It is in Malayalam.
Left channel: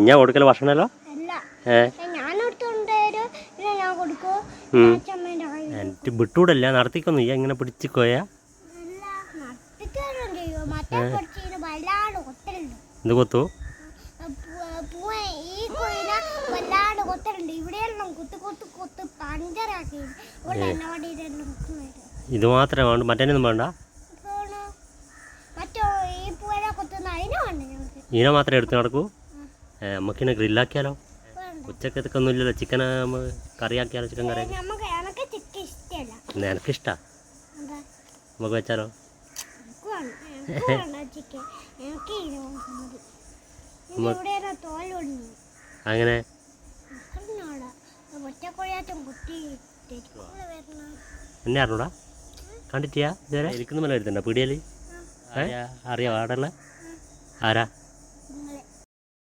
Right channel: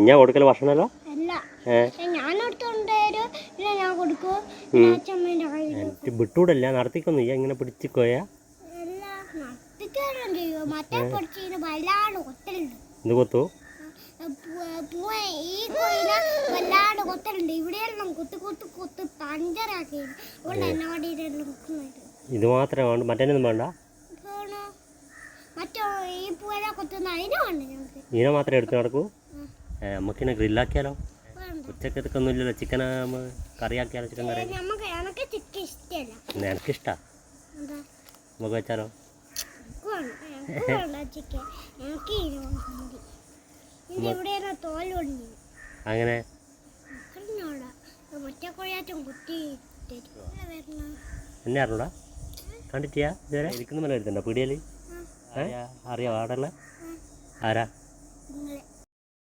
ഞാൻ കൊടുക്കല ഭക്ഷണമല്ലോ വിട്ടൂടല്ല നടത്തിക്കൊന്നു ഇങ്ങനെ പിടിച്ചിക്കോയാ എന്ത് കൊത്തു ഇത് മാത്രമേ വേണ്ട മറ്റേനൊന്നും വേണ്ട ഇതിനെ മാത്രമേ എടുത്ത് നടക്കൂ നമുക്കിനെ ഗ്രില്ലാക്കിയാലോ ഉച്ചക്കത്തൊക്കെ ഒന്നും ഇല്ലല്ലോ ചിക്കൻ കറിയാക്കിയാലോ ചിക്കൻ കറി എനിക്കിഷ്ടാ നമുക്ക് വെച്ചാലോ അങ്ങനെ എന്നെ അറിഞ്ഞൂടാ കണ്ടിട്ടിയാ ഇതുവരെ ഇരിക്കുന്ന മല എടുത്തണ്ട പീടിയല് അറിയാം ആടല്ല ആരാ